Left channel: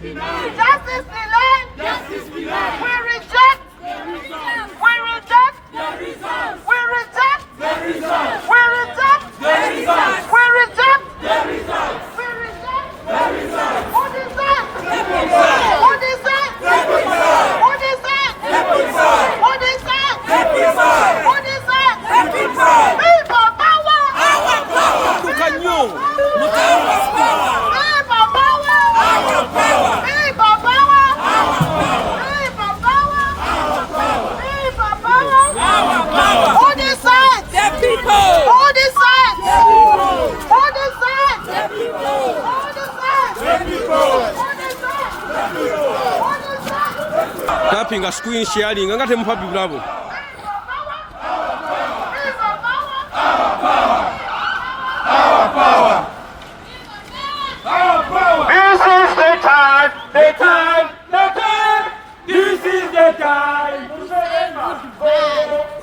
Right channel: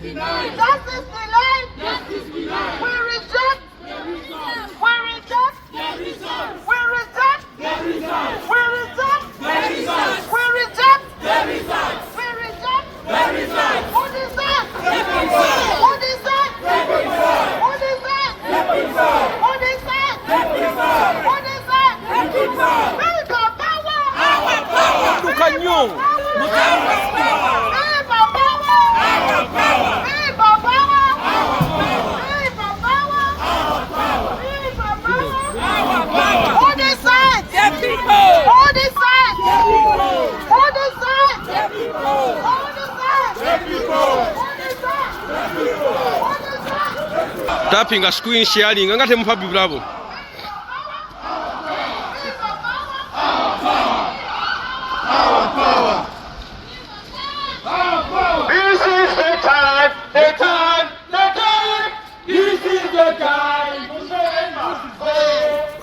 denied. Justice denied. Justice denied. We reject. We reject. We reject. We reject. We reject. We reject. We reject. We reject. We reject. What is that? What is that? What is that? What is that? What is that? What is that? Viva power! Our power! Viva power! Our power! Viva power! Our power! Viva power! Our power! Viva power! Our power! What is that? Get people! What is that? Get people! What is that? Get people! What is that? Get people! Tapping a screen sharing, I'm going to have bravo. Our power! This is the time! The time! The time! This is the time!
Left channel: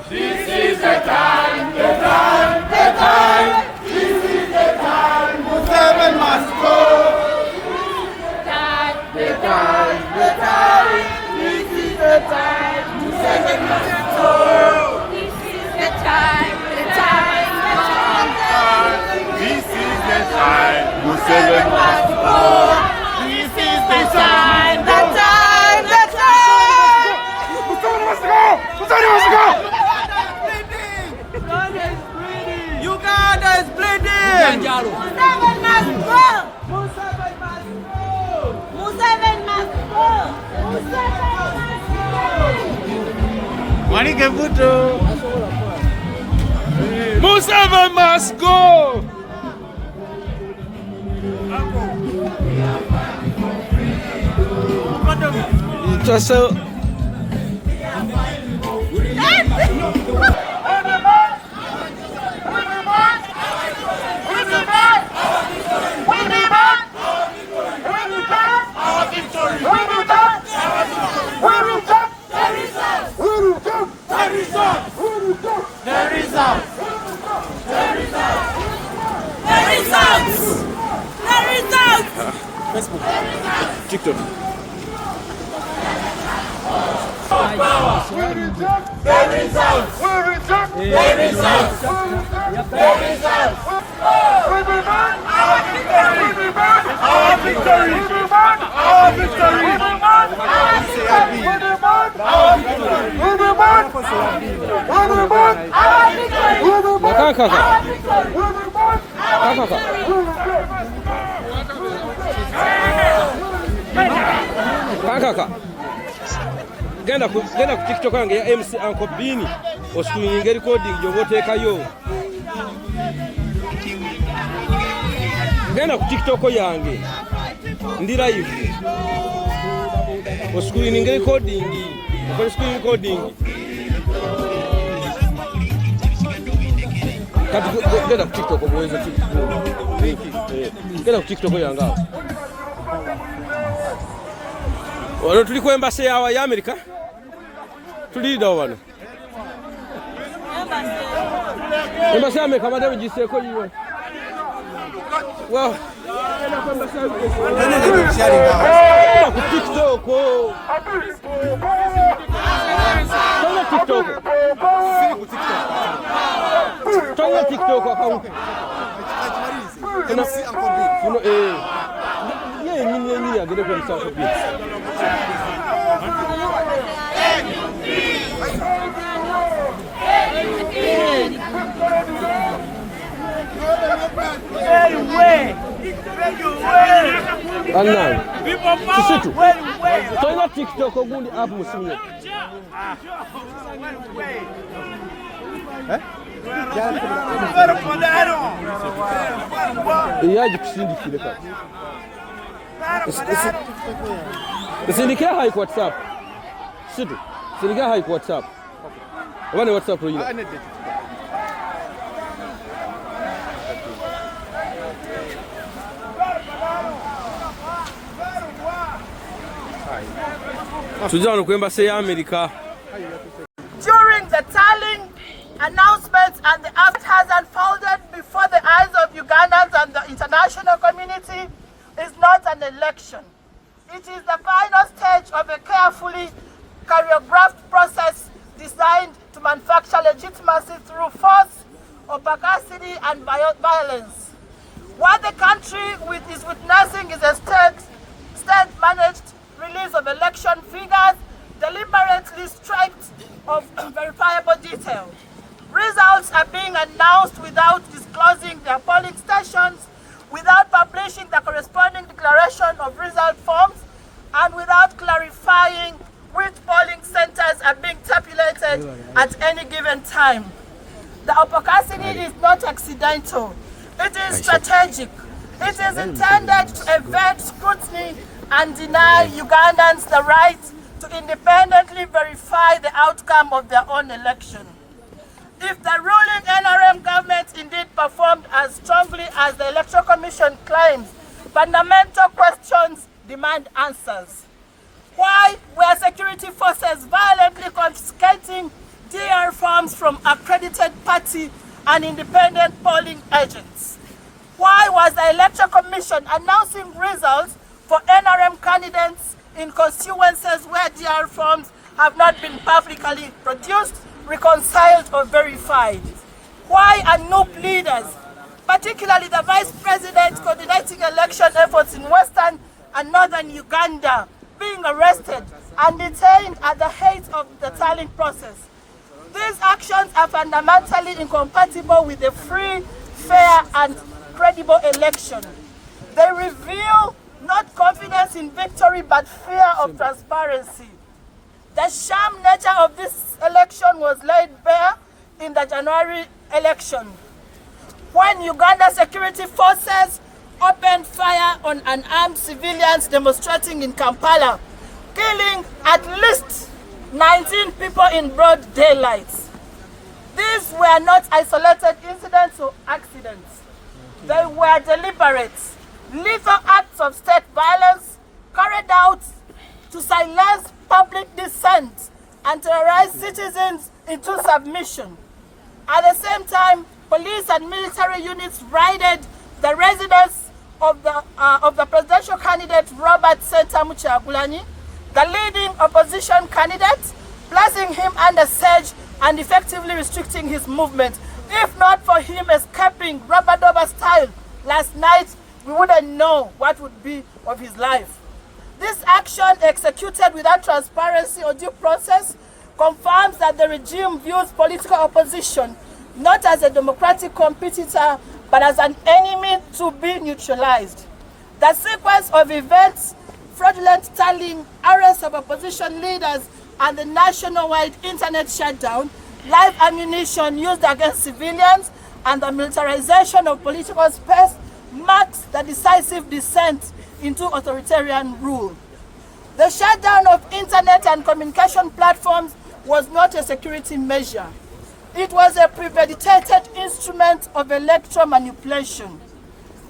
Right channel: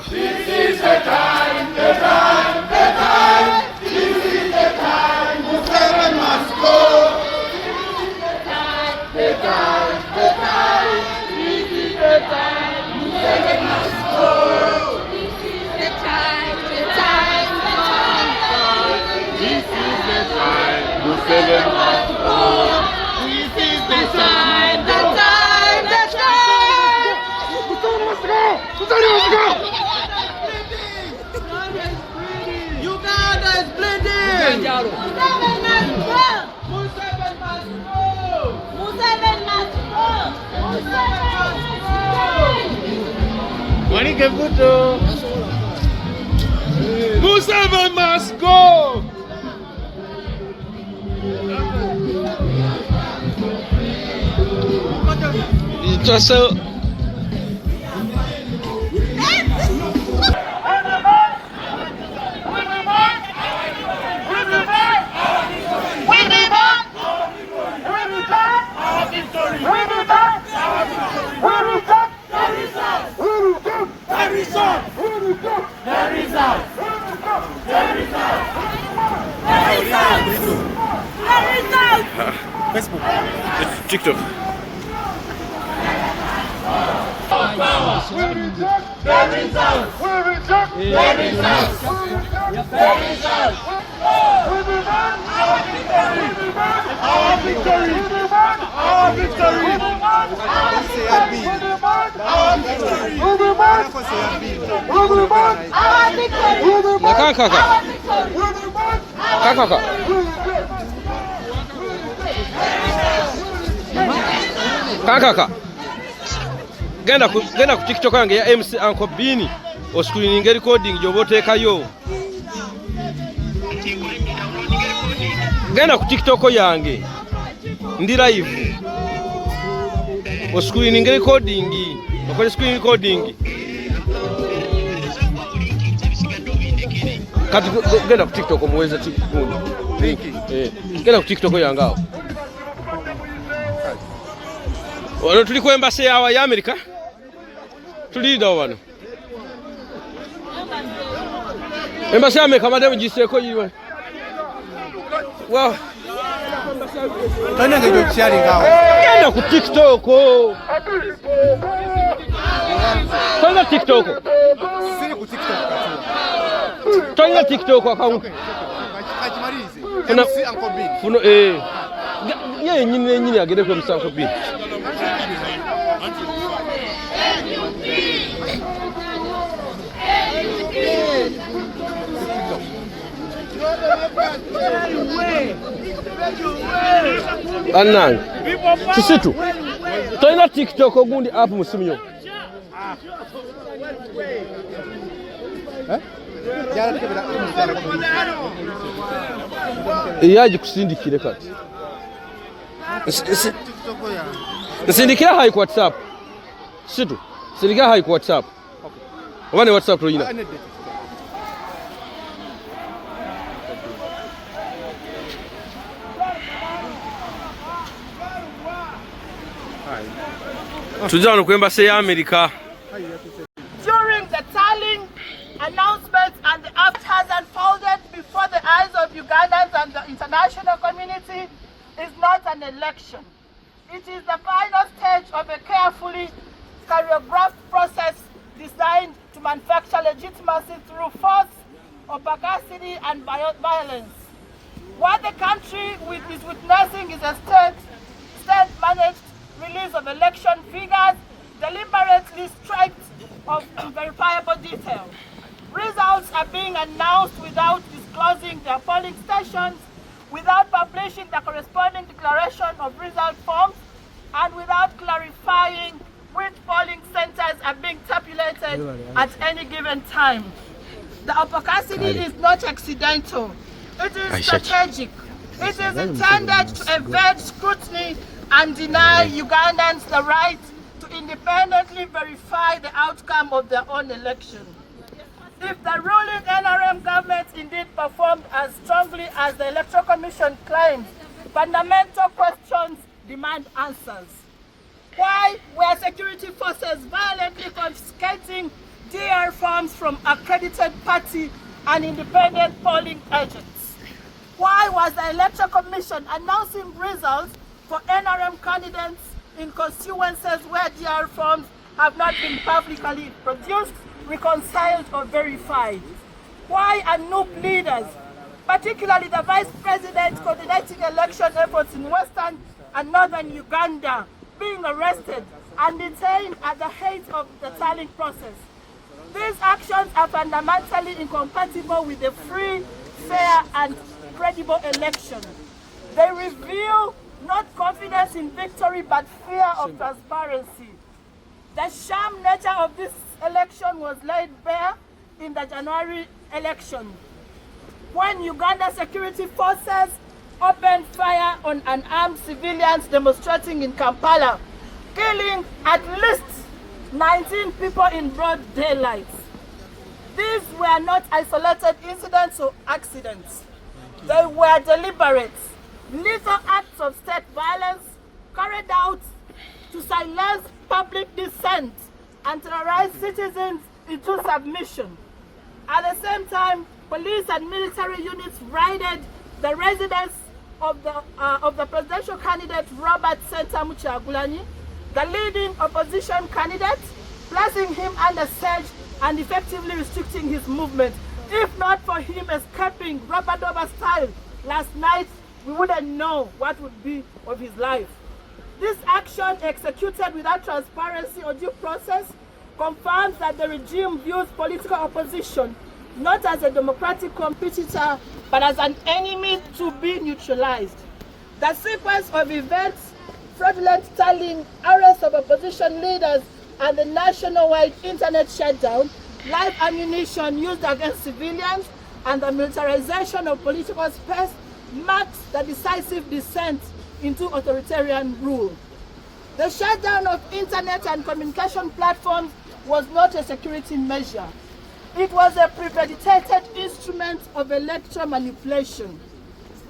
This is the time! The time! The time! This is the time! Muslim must go! The time! The time! This is the time! Muslim must go! This is the time! The time! The time! This is the time! Muslim must go! This is the time! The time! The time! Muslim must go! Muslim must go! Uganda is bleeding! Muslim must go! Muslim must go! Muslim must go! Muslim must go! It was so. Facebook, TikTok. We reject the results. We reject the results. We demand our victory. We demand our victory. We demand our victory. We demand our victory. We demand our victory. We demand our victory. Kaka. Genda ku TikTok yange ya MC Uncle Bini oscreening recording jobotekayo. Genda ku TikTok yange ndi live oscreening recording okole screen recording kati genda ku TikTok omuweza genda ku TikTok yange awo. Wano tuli ku embassy ya America. Tulida wano. Embassy ya America madame giseko yiwe. Wow. Nani ngedo sharing awo. Genda ku TikTok. Tonya TikTok. Tonya TikTok account. Funo ye nyine agere ko bisanko bi. Anan. Sisitu. Toina TikTok ogundi app musimyo. Yaje kusindikire kati. Sindikira hai ku WhatsApp. Situ. Sindikira hai ku WhatsApp. Wane WhatsApp ro yina. Tujano ku embassy ya America. During the tallying announcements and the act has unfolded before the eyes of Ugandans and the international community is not an election. It is the final stage of a carefully choreographed process designed to manufacture legitimacy through force, opacity, and violence. What the country is witnessing is a state-managed release of election figures, deliberately stripped of verifiable detail. Results are being announced without disclosing their polling stations, without publishing the corresponding declaration of result forms, and without clarifying which polling centers are being tabulated at any given time. The opacity is not accidental. It is strategic. It is intended to evade scrutiny and deny Ugandans the right to independently verify the outcome of their own election. If the ruling NRM government indeed performed as strongly as the Electoral Commission claims, fundamental questions demand answers. Why were security forces violently confiscating DR forms from accredited party and independent polling agents? Why was the Electoral Commission announcing results for NRM candidates in constituencies where DR forms have not been publicly produced, reconciled, or verified? Why are NUP leaders, particularly the Vice President coordinating election efforts in Western and Northern Uganda, being arrested and detained at the height of the tallying process? These actions are fundamentally incompatible with a free, fair, and credible election. They reveal not confidence in victory, but fear of transparency. The sham nature of this election was laid bare in the January election, when Uganda security forces opened fire on unarmed civilians demonstrating in Kampala, killing at least 19 people in broad daylight. These were not isolated incidents or accidents. They were deliberate, lethal acts of state violence carried out to silence public dissent and terrorize citizens into submission. At the same time, police and military units raided the residence of the presidential candidate Robert Ssetamu Kyaguranyi, the leading opposition candidate, placing him under siege and effectively restricting his movement. If not for him escaping rubber-dubber style last night, we wouldn't know what would be of his life. This action, executed without transparency or due process, confirms that the regime views political opposition not as a democratic competitor, but as an enemy to be neutralized. The sequence of events, fraudulent tallying, arrests of opposition leaders, and the nationwide internet shutdown, live ammunition used against civilians, and the militarization of political space marks the decisive descent into authoritarian rule. The shutdown of internet and communication platforms was not a security measure. It was a premeditated instrument of electoral manipulation.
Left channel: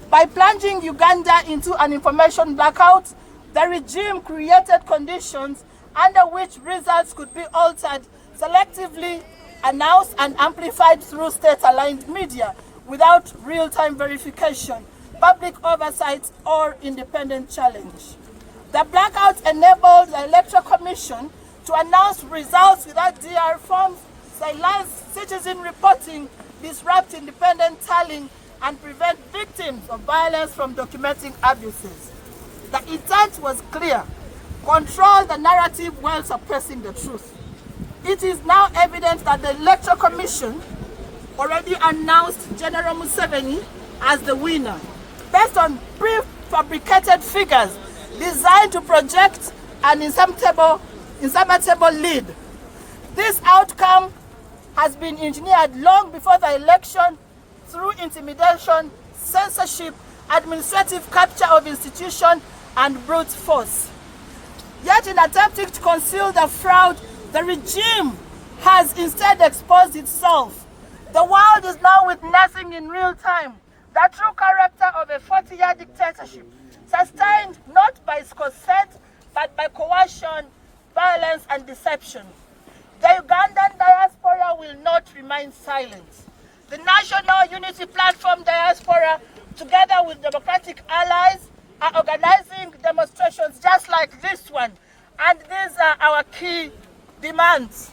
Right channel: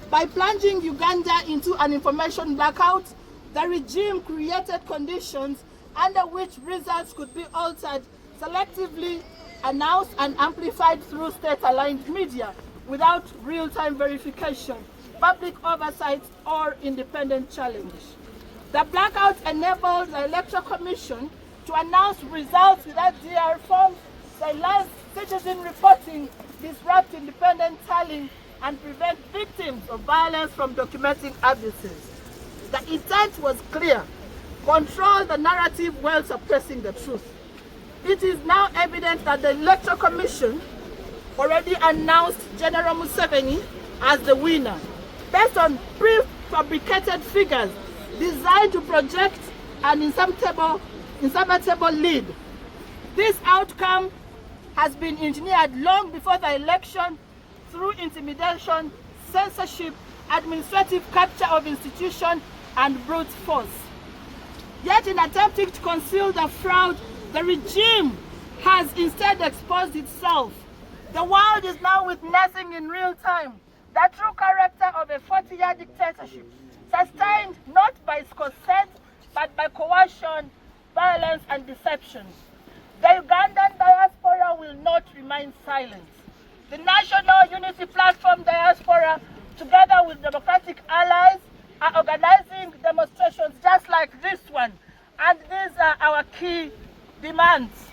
By plunging Uganda into an information blackout, the regime created conditions under which results could be altered, selectively announced and amplified through state-aligned media without real-time verification, public oversight, or independent challenge. The blackout enabled the Electoral Commission to announce results without DR forms, silence citizen reporting, disrupt independent tallying, and prevent victims of violence from documenting abuses. The intent was clear: control the narrative while suppressing the truth. It is now evident that the Electoral Commission already announced General Museveni as the winner, based on prefabricated figures designed to project an insurmountable lead. This outcome has been engineered long before the election through intimidation, censorship, administrative capture of institutions, and brute force. Yet in attempting to conceal the fraud, the regime has instead exposed itself. The world is now witnessing in real time the true character of a 40-year dictatorship, sustained not by its consent, but by coercion, violence, and deception. The Ugandan diaspora will not remain silent. The National Unity Platform Diaspora, together with democratic allies, are organizing demonstrations just like like this one. And these are our key demands.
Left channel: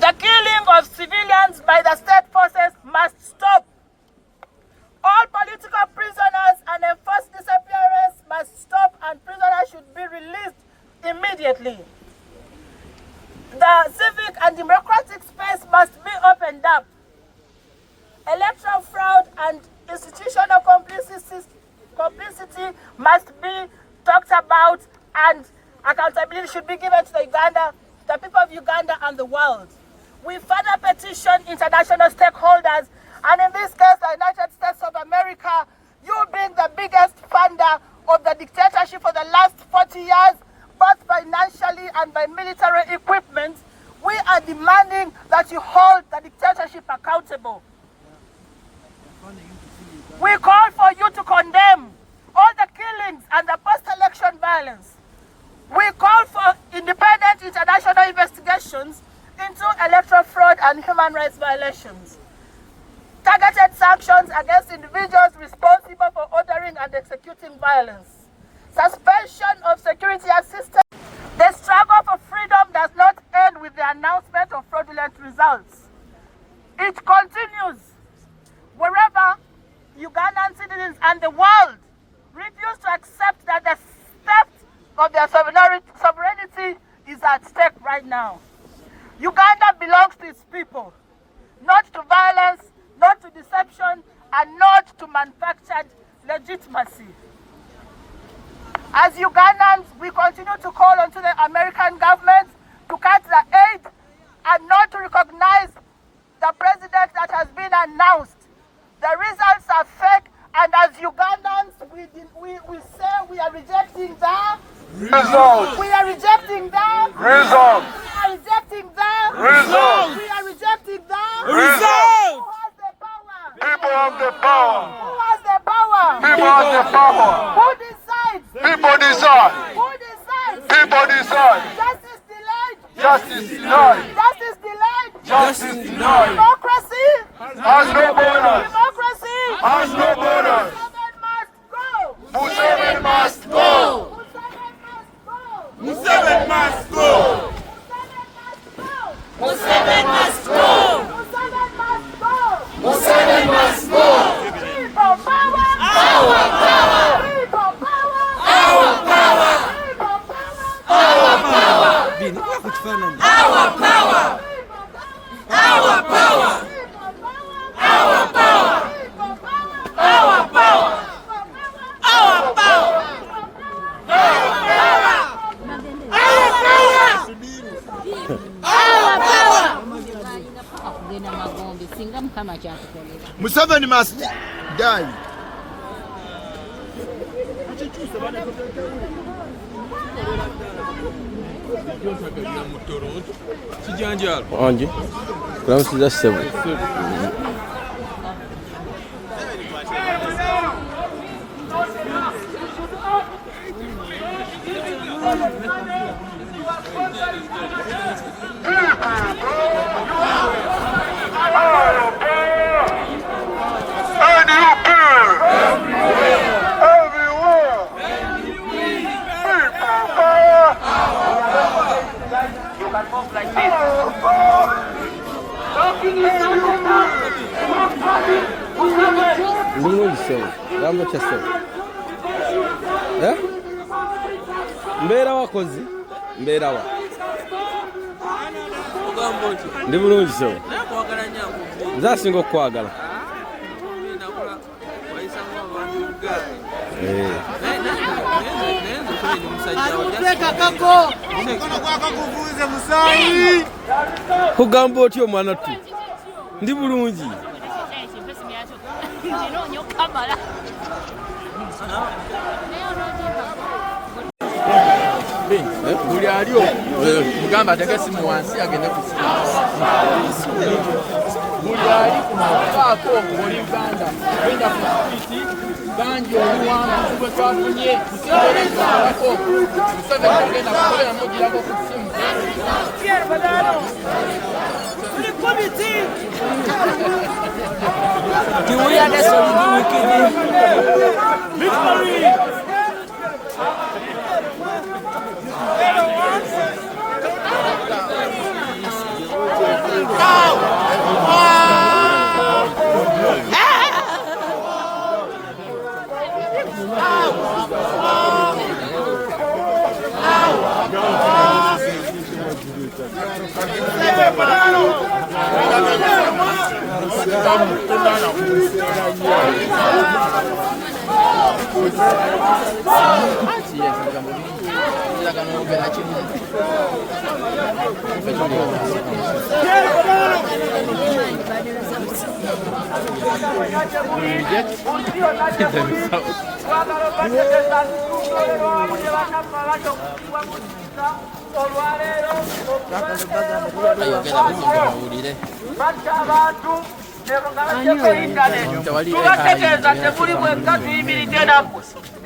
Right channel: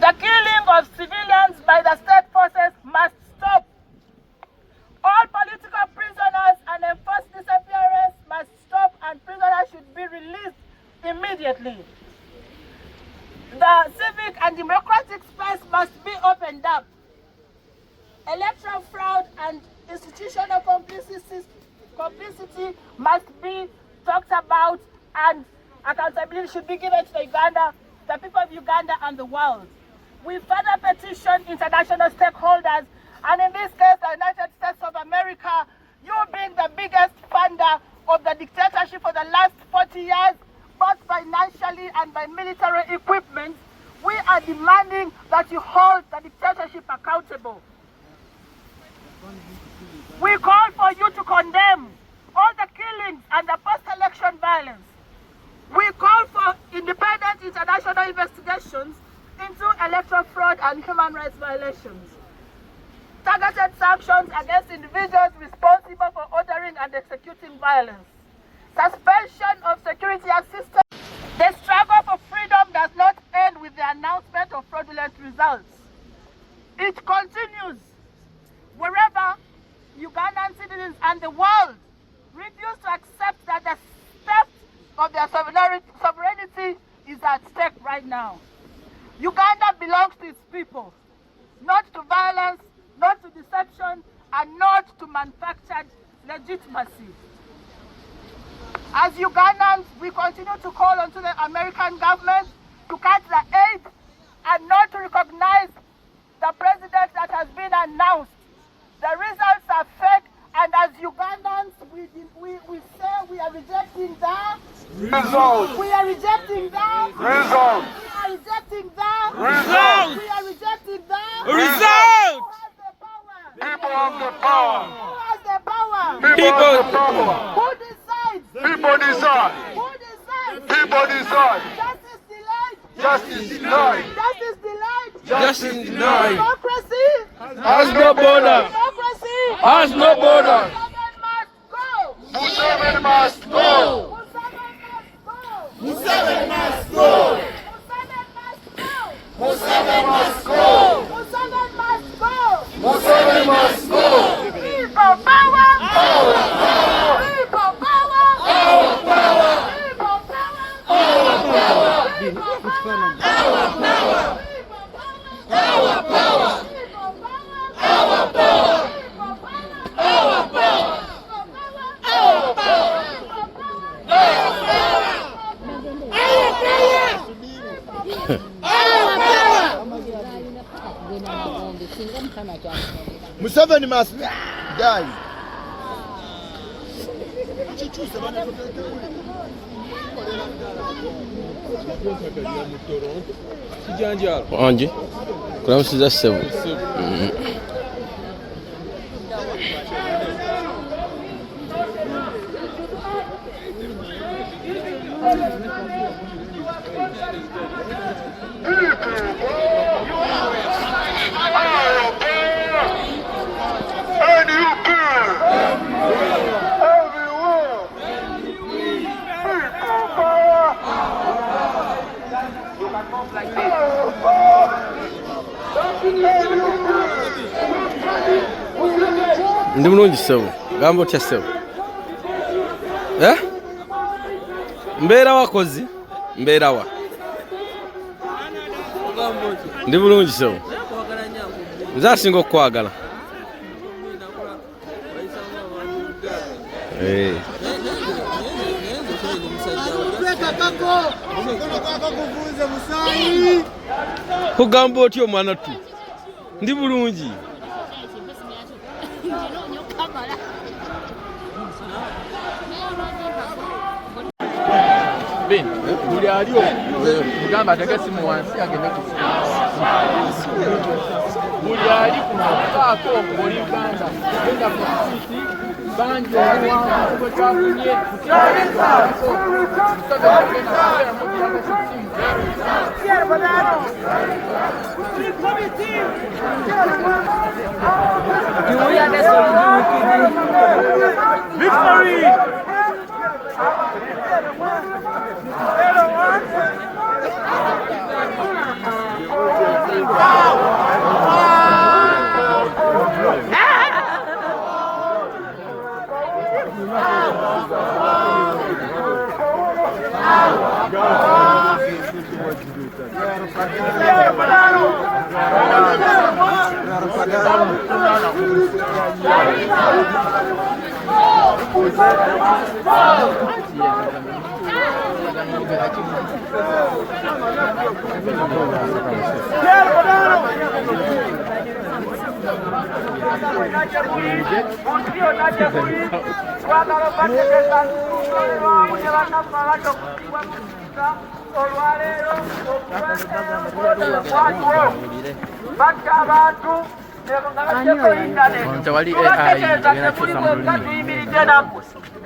The killing of civilians by the state forces must stop. All political prisoners and enforced disappearance must stop, and prisoners should be released immediately. The civic and democratic space must be opened up. Electoral fraud and institutional complicity must be talked about, and accountability should be given to the people of Uganda and the world. We further petition international stakeholders, and in this case, the United States of America, you being the biggest funder of the dictatorship for the last 40 years, both financially and by military equipment, we are demanding that you hold the dictatorship accountable. We call for you to condemn all the killings and the post-election violence. We call for independent international investigations into electoral fraud and human rights violations. Targeted sanctions against individuals responsible for ordering and executing violence. Suspension of security assistance. The struggle for freedom does not end with the announcement of fraudulent results. It continues wherever Ugandan citizens and the world refuse to accept that the theft of their sovereignty is at stake right now. Uganda belongs to its people, not to violence, not to deception, and not to manufactured legitimacy. As Ugandans, we continue to call on to the American government to cut the aid and not to recognize the president that has been announced. The results are fake, and as Ugandans, we say we are rejecting the results. We are rejecting the results. We are rejecting the results. We are rejecting the results. Who has the power? People have the power. Who has the power? People have the power. Who decides? People decide. Who decides? People decide. Justice delayed. Justice denied. Justice delayed. Justice denied. Democracy has no borders. Democracy has no borders. Museveni must go. Museveni must go. Museveni must go. Museveni must go. People power. Our power. People power. Our power. People power. Our power. Our power. Our power. Our power. Our power. Our power. Museveni must die. Anji, kula msiza sebu. Ndi mulungi sebu, gamba otya sebu. Mbeera wakozi, mbeera wa. Ndi mulungi sebu. Nze asinga okukwagala. Ogamba otya omwana tu? Ndi bulungi. Buli aliyo mugamba ateke simu wansi agende kusimu. Buli ali kukaako oli Uganda genda ku street bangi oluwanvu bwe twafunye kusaako Museveni agenda kubeera mugirako ku simu. Victory!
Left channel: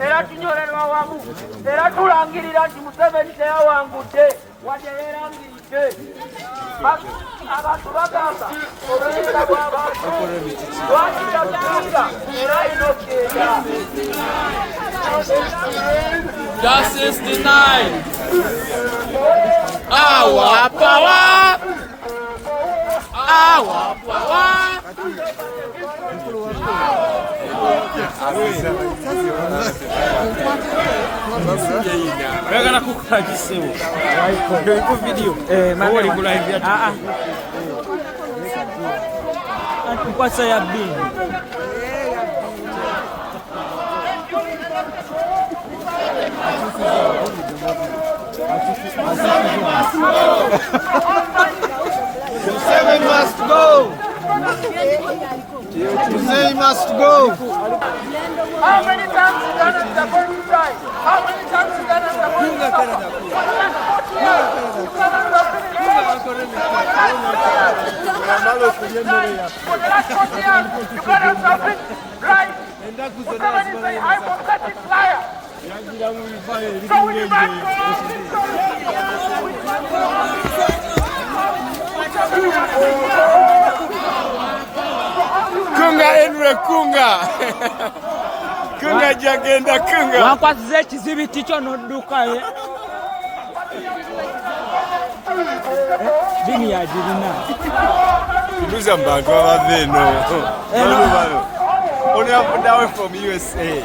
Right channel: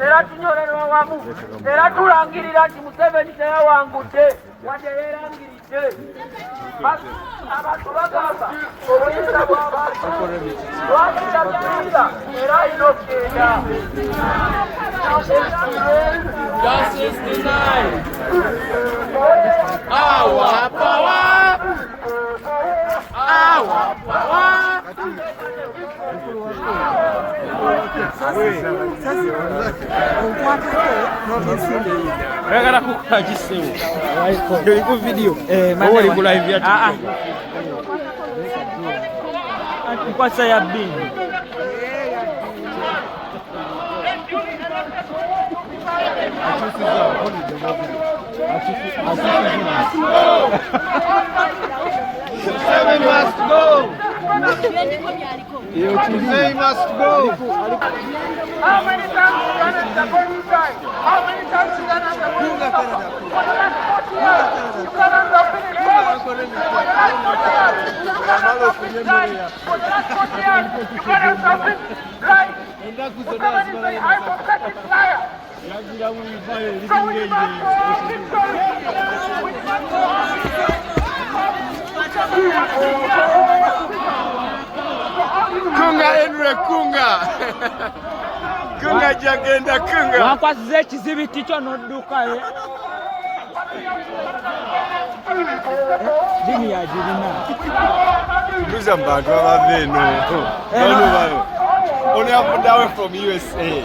era tunyolerwa wamu era tulangirira nti Museveni teyawangudde wadde beerangiridde abantu bagamba obuyinza bw'abantu lwakiragira era alina okugenda. Justice denied. Our power. Our power. Regala kukagisewo. Ndio iko video. Kwa saa ya bini. Museveni must go. Museveni must go. How many times you done the Bobi side? How many times you done the Bobi side? Right. Museveni is a hypocritic liar. Kunga Henry Kunga. Kunga jagenda kunga. Wakwasize ekizibiti kyo n'odduka ye. Jini ya jirina. Mbuza mbantu abave eno. Only up down from USA.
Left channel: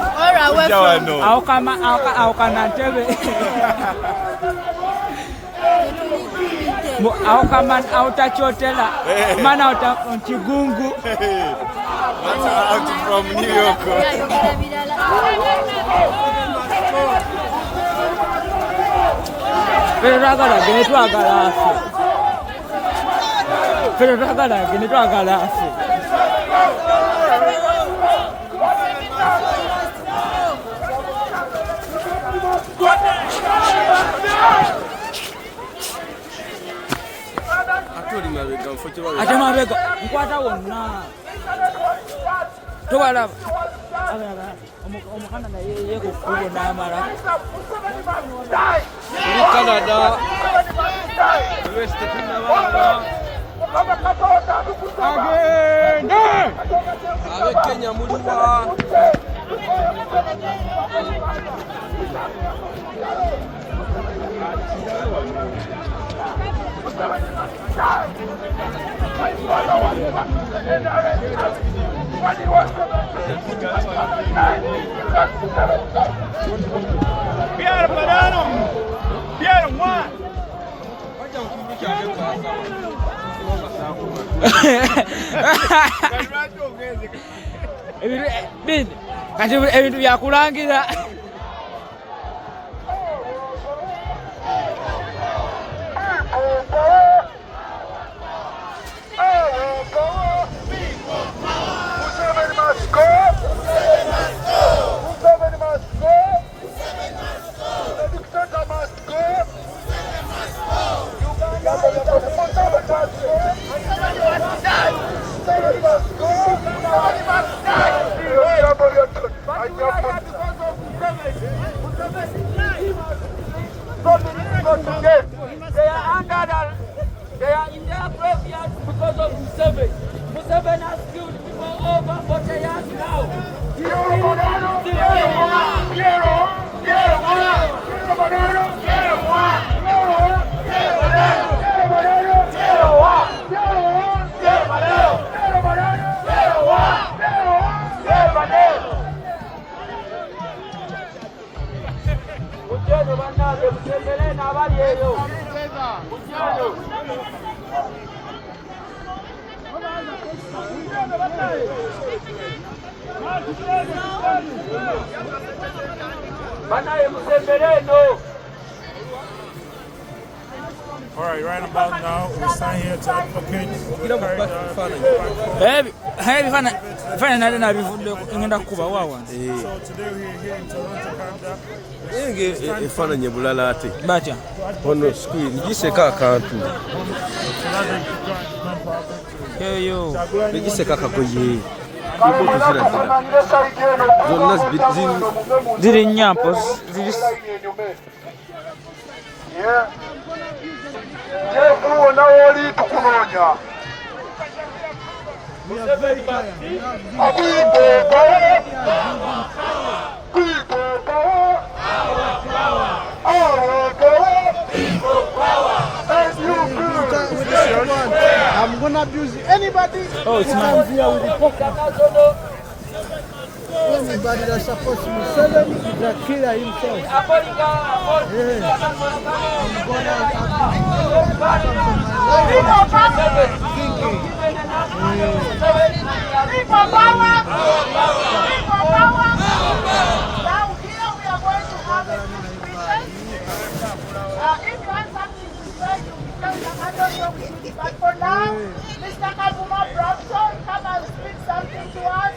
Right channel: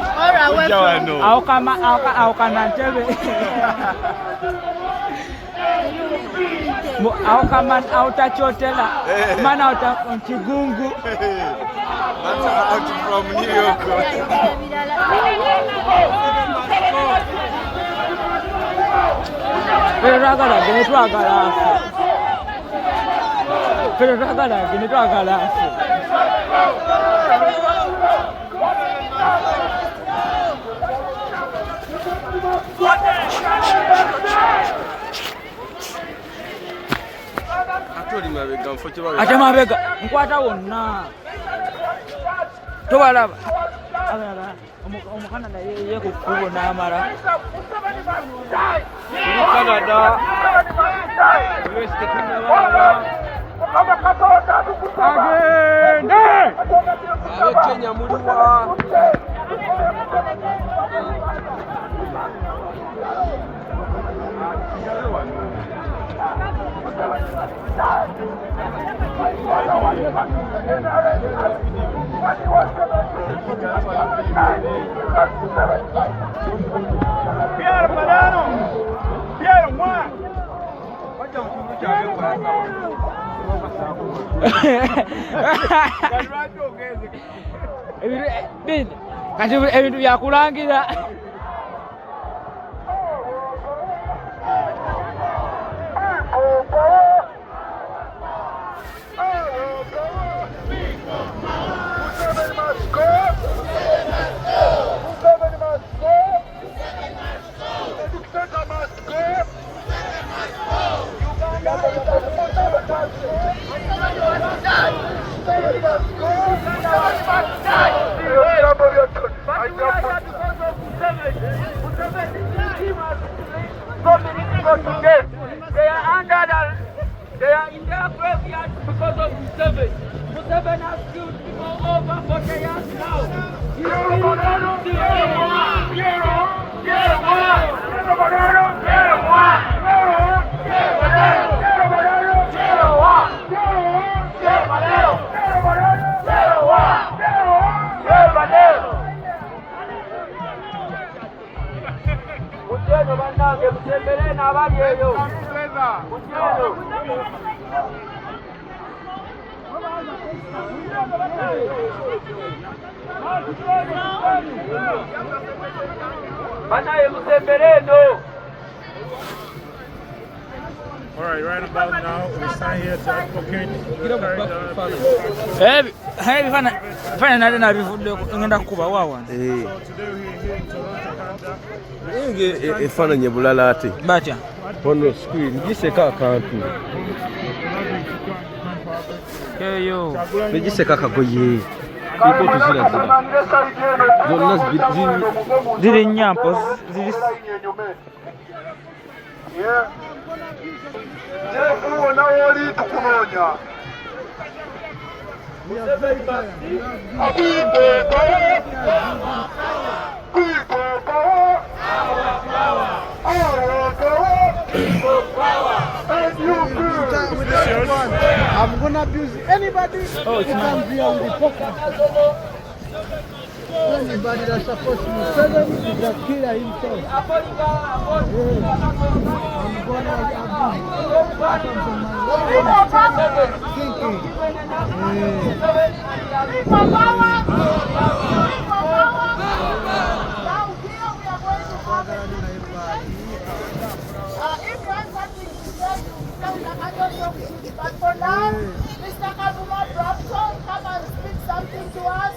Aukana Ntebe. Aukama autachotela. Mana Kigungu. From New York. Ragala genetwagala afu. Ragala genetwagala afu. Ate mabega nkwata wonna tobalaba omukana naye ye ku kkubo n'amala Canada. US tetunnabalaba. Agenda. Abe Kenya muliwa. Pierre Padano. Pierre moi. Ebintu byakulangira. They are in their graveyard because of Museveni. Museveni has killed people over 40 years now. Muchano, All right, right about now, we stand here to advocate. Fana nade na bivudde ngenda kukuba wawa. So today we're here in Toronto, Canada. Efaananyi bulala ate Batya. ono screen giseka akantu Eyo. negiseka akagoye iko tuziragira zonna Ziri nyampo ziri I'm gonna abuse anybody. Oh, it's not Here with the poker. Anybody that's supposed to be seven is a killer himself. Yeah. I'm gonna abuse come from my life thinking. If you want something to say, you tell them, I don't know with you. But for now, Mr. Kavuma Brampton, come and speak something to us.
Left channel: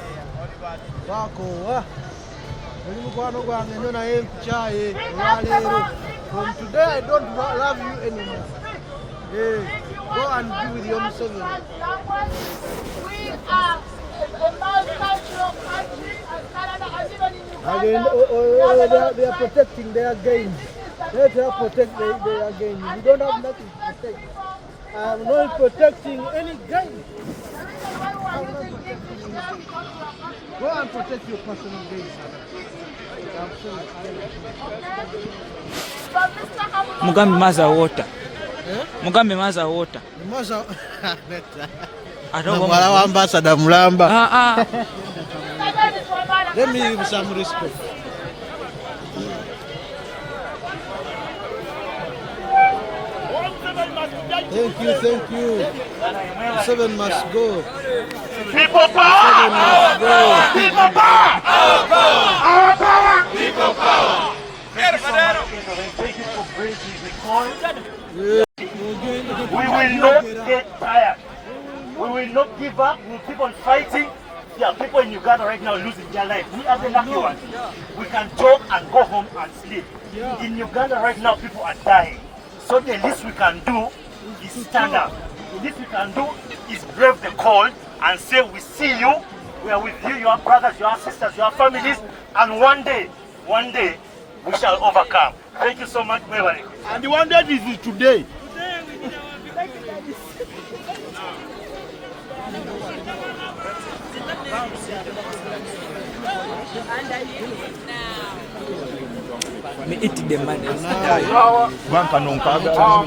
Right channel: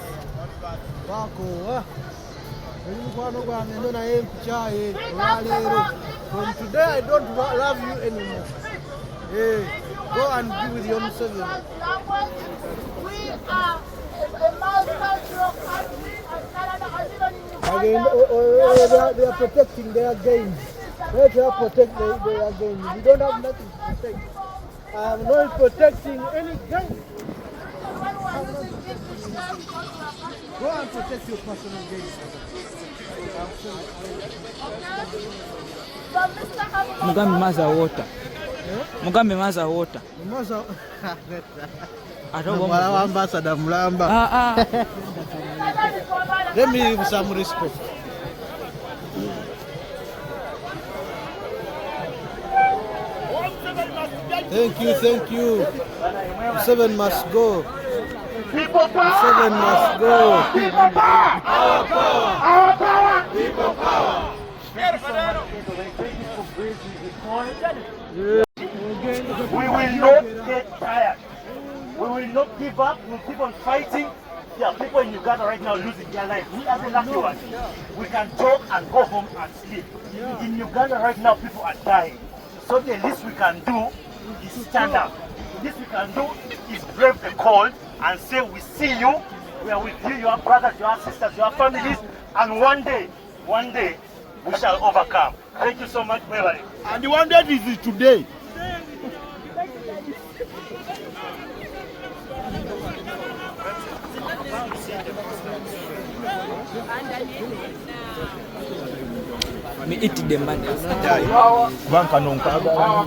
From today, I don't love you anymore. Hey, go and be with your Muslim. We are a multicultural country, and Canada, and even in Again, Uganda. they are protecting their gains. Let her protect their gains. We don't have nothing to protect. I'm not protecting any gain. Go and protect your personal gains. Mugambi maza water. Mugambi maza water. Ambassador Mulamba. Ah. Let me give some respect. Thank you. Seven must go. People power! Seven must go. People power! Our power! Our power! People power! We will not get tired. We will not give up. We will keep on fighting. There are people in Uganda right now losing their lives. We are the lucky ones. We can talk and go home and sleep. In Uganda right now, people are dying. So the least we can do is stand up. The least we can do is brave the cold and say, we see you, we are with you, your brothers, your sisters, your families, and one day, we shall overcome. Thank you so much, Mewari. And the one that is today. Me eat the money. Our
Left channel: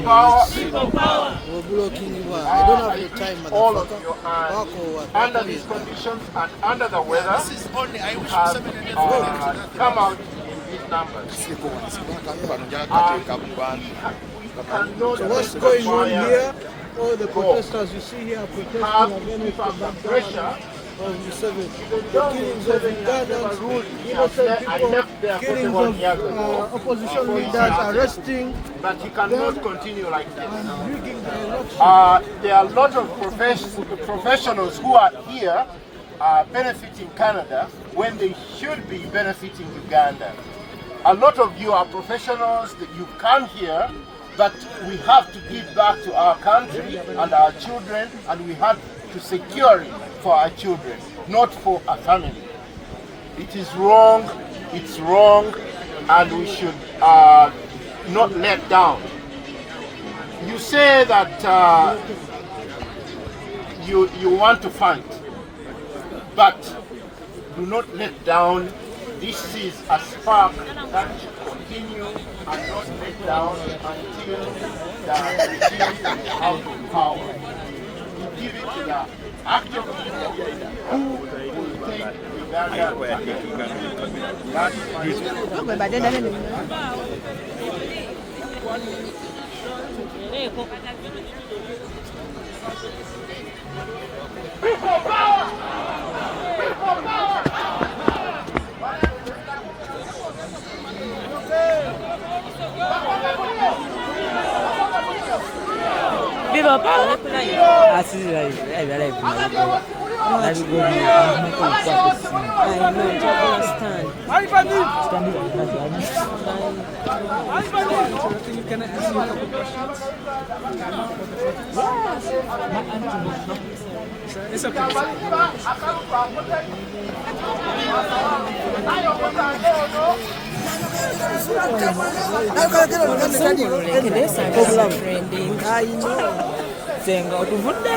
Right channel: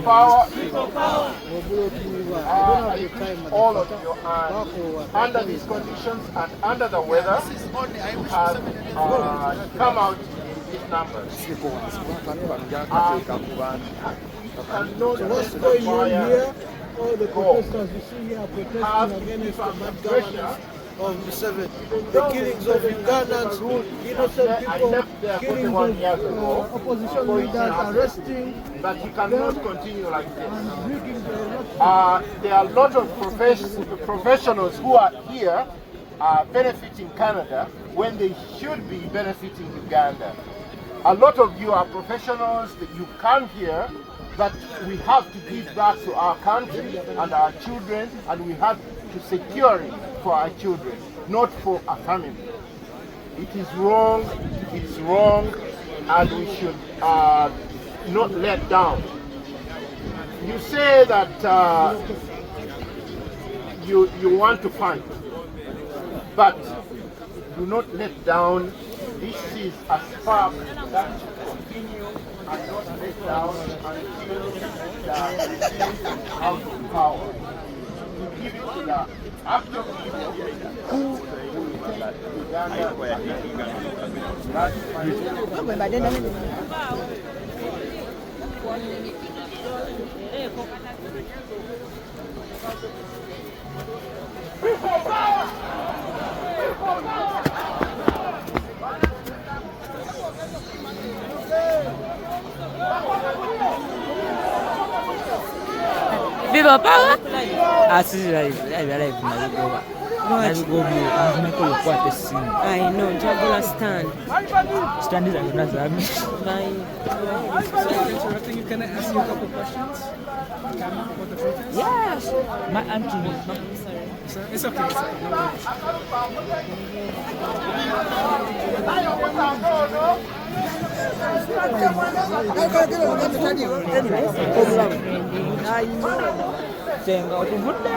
power. All of you are under these conditions and under the weather to have come out in these numbers. What's going on here? All the protesters you see here are protesting against the pressure of the seven. The killings of Ugandans, innocent people, killings of opposition leaders, arresting. But you cannot continue like this. Rigging the election. There are a lot of professionals who are here benefiting Canada when they should be benefiting Uganda. A lot of you are professionals that you come here, but we have to give back to our country and our children, and we have to secure it for our children, not for a family. It is wrong, it's wrong, and we should not let down. You say that you want to fight, but do not let down. This is a spark that should continue and not let down until the regime is out of power. You give it to the actual people who will take Uganda. People power! People power! People power? Asisi live nabigoba. Nabigoba amakulu kwate simu. I know, Jabba stand. Stand it another. Can I ask you a couple questions? Yes. My auntie. It's okay. I know. Senga utuvunda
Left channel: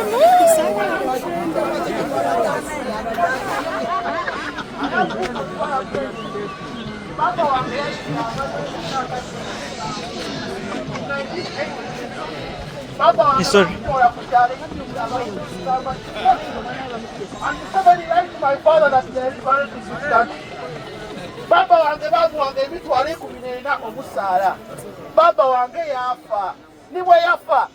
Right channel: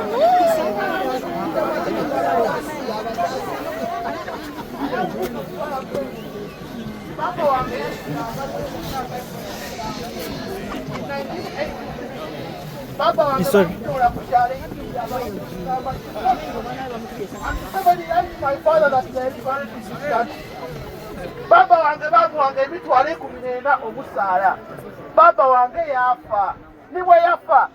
sorry. My father that Baba wange baguwange emitwalo 14 omusaala. Baba wange yafa. Niwe yafa.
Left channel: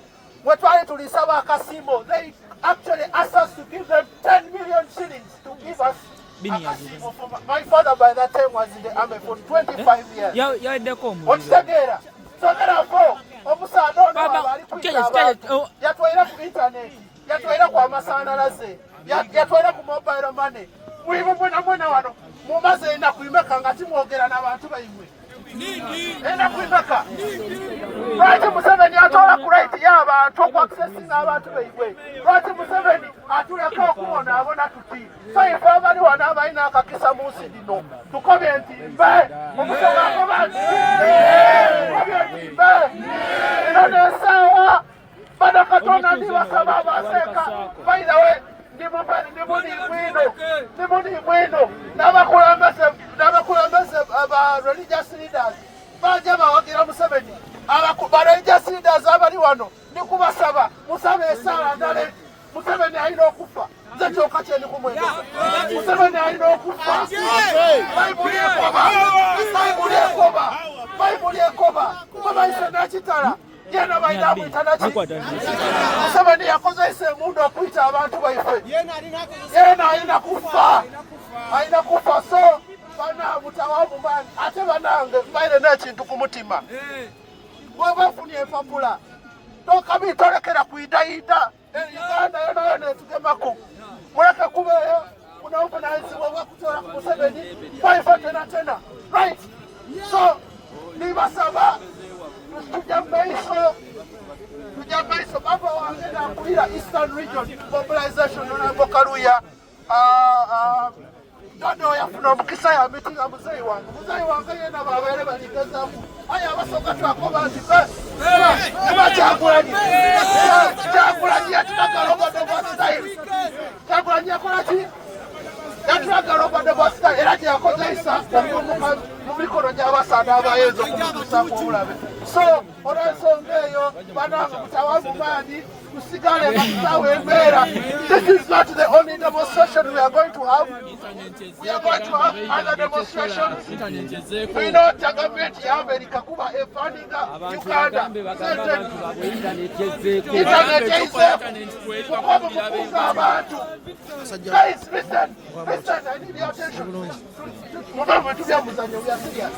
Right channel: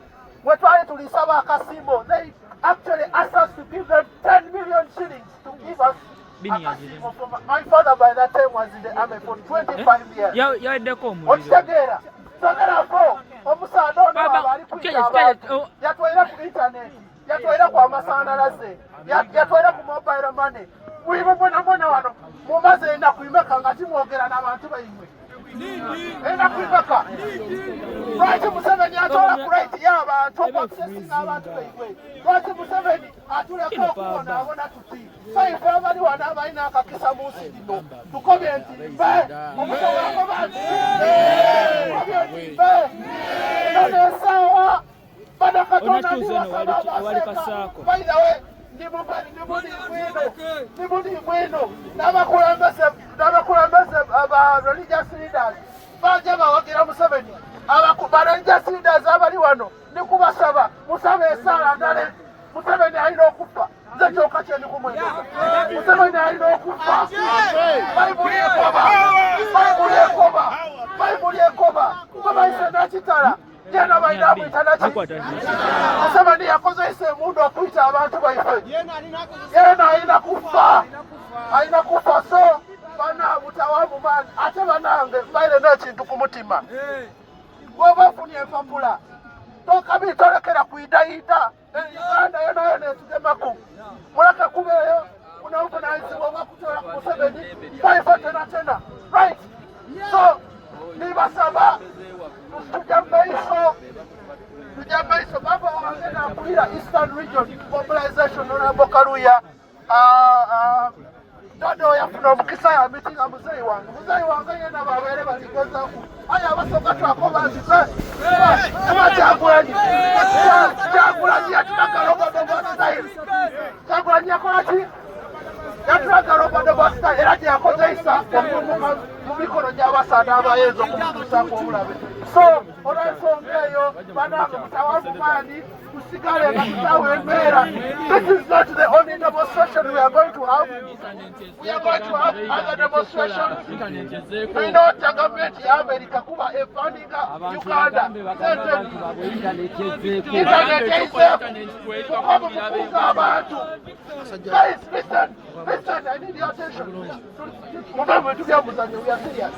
We twali tulisaba akasimbo. They actually asked us to give them 10 million shillings to give us akasimbo. My father by that time was in the army for 25 years. Okitegeera. So therefore, omusaala ono abali kwita abantu. Yatwalira ku internet. Yatwalira ku amasanalaze. Yatwalira ku mobile money. Mwibe mwana wano. Mumaze enaku imeka nga timwogera n'abantu baimwe. Enaku imeka. Lwaki Museveni atoola ku right y'abantu okwakusesinga abantu baimwe. Lwaki Museveni atuleka okubonaabona tuti. So ife abali wano abalina akakisa mu nsi dino. Tukobye entimbe. Omusoga akoba nti. Tukobye entimbe. Eno n'ensaawa. Bano Katonda ndibasaba abaseeka. By the way, Nimuni mwino n'abakulembeze aba religious leaders bajja bawagira Museveni ba religious leaders abali wano nikubasaba musabe esaala ndale Museveni alina okufa nze kyokka kye ndikumwegeza Museveni alina okufa Bayibuli ekoba babayise n'ekitala yena bayina kwita naki Museveni yakozesa emundu okwita abantu baife yena alina kufa so bana mutawamu mani ate banange mbaire n'ekintu ku mutima bw'oba ofunye empapula tokabitolekera kuidayida Uganda yona etugemako muleke kubeeyo unaovunanyizibwa obwakutoola ku Museveni baife tena right so nibasaba Tujamaiso baba wange nakulira Eastern Region Mobilization Honorable Karuya Dado yafuna omukisa ya mitinga muzeyi wange yena babeere baligezaaku aye abasooka twakoba nti Kyaguranyi yatulaga Robodo bwa style Kyaguranyi yakola ki? Yatulaga Robodo bwa style era teyakozesa mu mikono gy'abasaada abayenza okutuusaako obulabe so olw'ensonga eyo banange mutawamu maani tusigale musawo embeera. This is not the only demonstration we are going to have. We are going to have other demonstrations. We know the government ya America kuba efundinga Uganda. Internet yaiseeko mukobe mukunga abantu. Guys, listen, I need your attention. Mube tubya muzanyo, we are serious.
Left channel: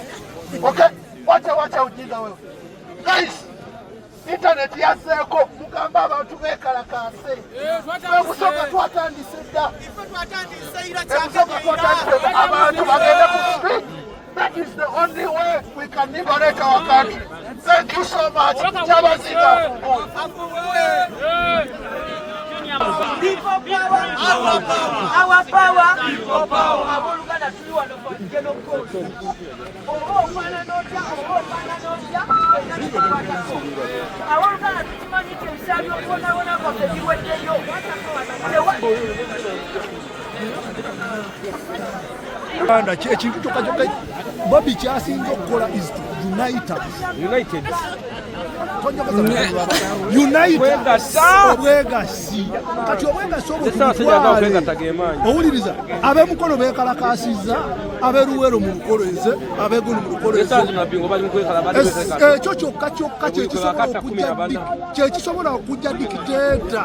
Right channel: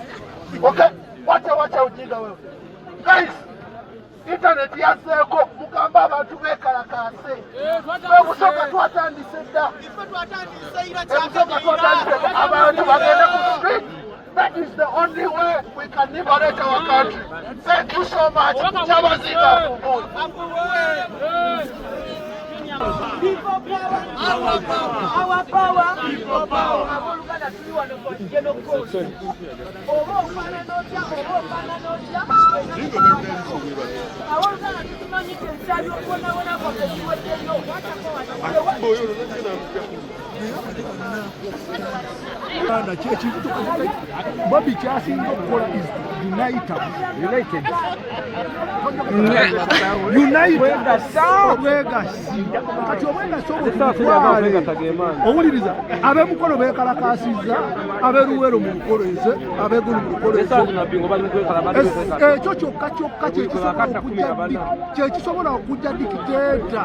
Okay? Wacha ujinga wewe. Guys, internet yaseeko mugamba abantu bekalakaase. Ebusoka twatandise dda. Abantu bagenda ku street. That is the only way we can liberate our country. Thank you so much. Chabazinga Fungo. People power, our power. People power. Bobi kyasinze okukola is United. Obwegasi kati obwegasi owuliriza ab'emukono beekalakasiza ab'eruwero mu lukoleze ab'egulu mu lukoleze ekyo kyokka kyekisobola okujja dikiteeta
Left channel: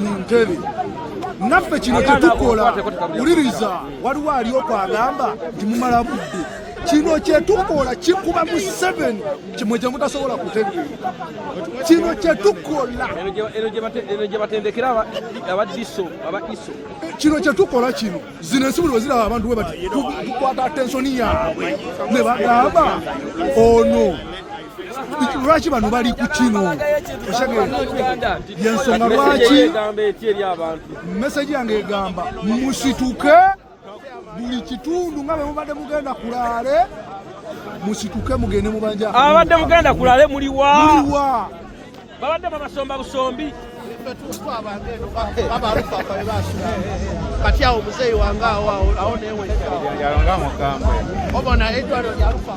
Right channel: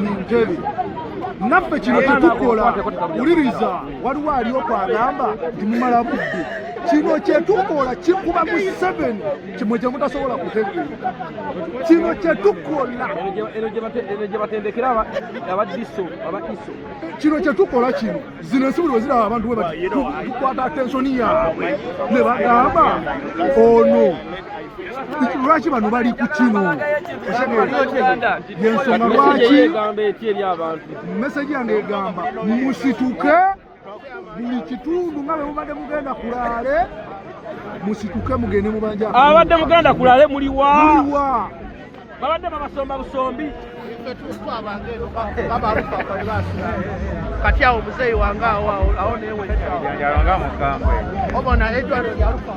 mu ntebe naffe kino kyetukola wuliriza waliwo ali okwagamba nti mumala budde kino kyetukola kikuba mu 7 kimwe gye mutasobola kutegeera kino kyetukola kino kyetukola kino zino ensi buli weziraba abantu bwe bati tukwata atensoni yaabwe ne bagamba ono lwaki bano bali ku kino yensonga lwaki meseji yange egamba musituke buli kitundu nga bwe mubadde mugenda kulaale musituke mugende mubanja abadde mugenda kulaale muliwa babadde babasomba busombi kati awo muzeeyi wange awo newe obona edwaliro lya lufa